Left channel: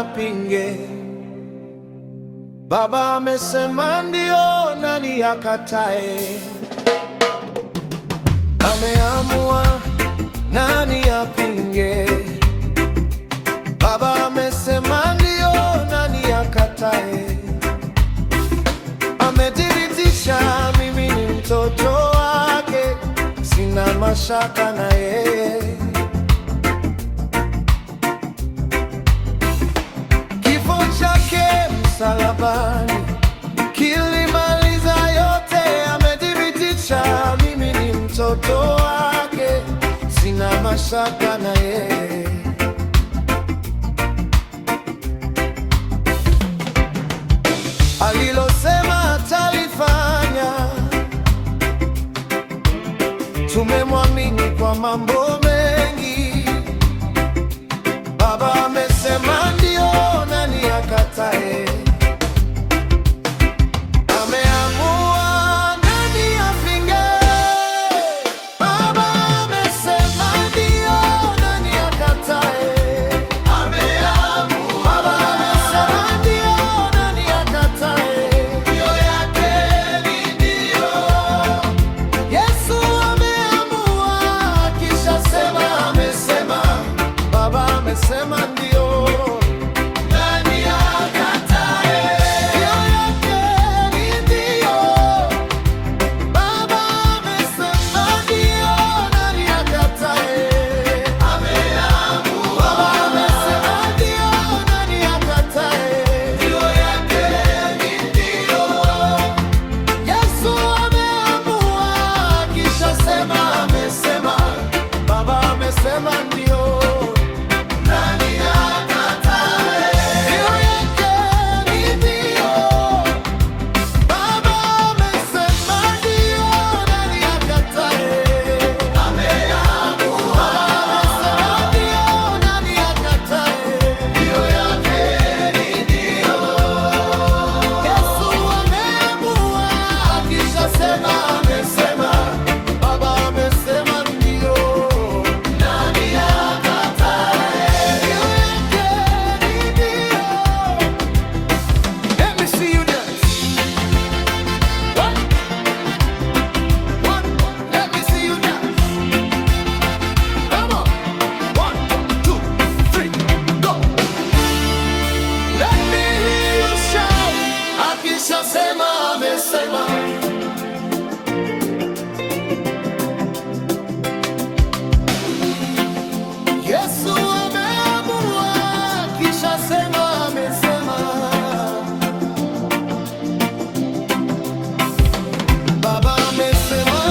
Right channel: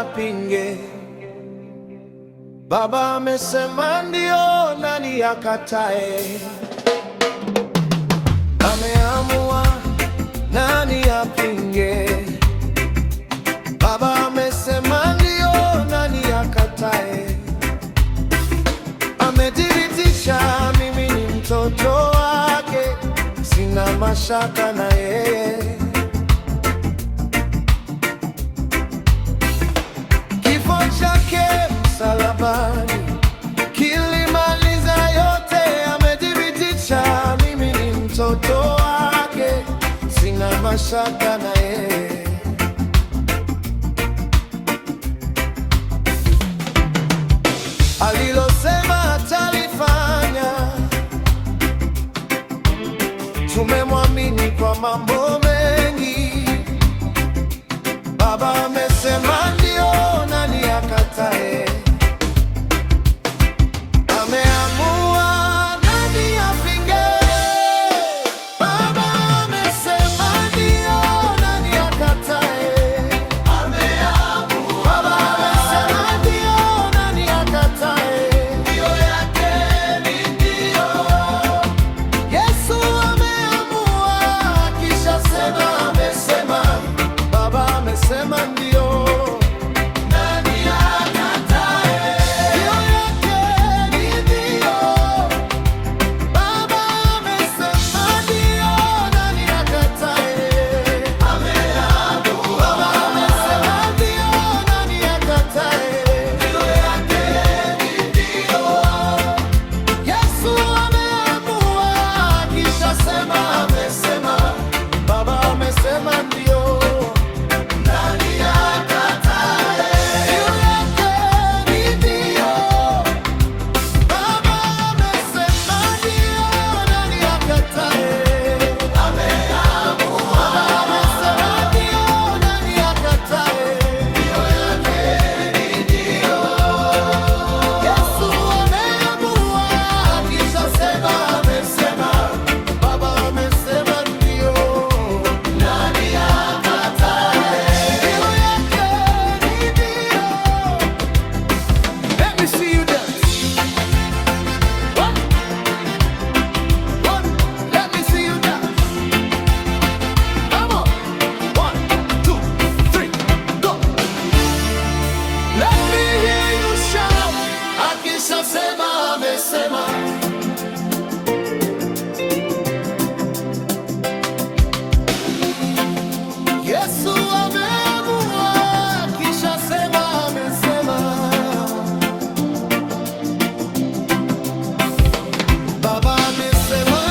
apinge? Baba amesema ndio, nani akatae? Ameamua, nani apinge? Baba amesema ndio, nani akatae? Amedhibitisha mimi ni mtoto wake, sina mashaka na yeye. Kifo chake msalabani kilimaliza yote. Amedhibitisha mimi ni mtoto wake, sina mashaka na yeye. Alilosema atalifanya, tumemwamini kwa mambo mengi. Baba amesema ndio, nani akatae? Ameamua, nani apinge? Baba amesema ndio, nani akatae? Baba amesema ndio, nani akatae? Ndio yake ni ndio. Yesu ameamua, kisha sema amesema. Baba amesema ndio, nani akatae? Ndio yake ni ndio. Baba amesema ndio, nani akatae? Ameamua. Baba amesema ndio, nani akatae? Ndio yake ni ndio. Yesu ameamua, kisha sema amesema. Baba amesema ndio. See you dance. One, let me see you dance. Come on. 1, 2, 3, go. Let me hear you shout. Akisha sema amesema. Yesu ameamua, kisha sema amesema. Baba amesema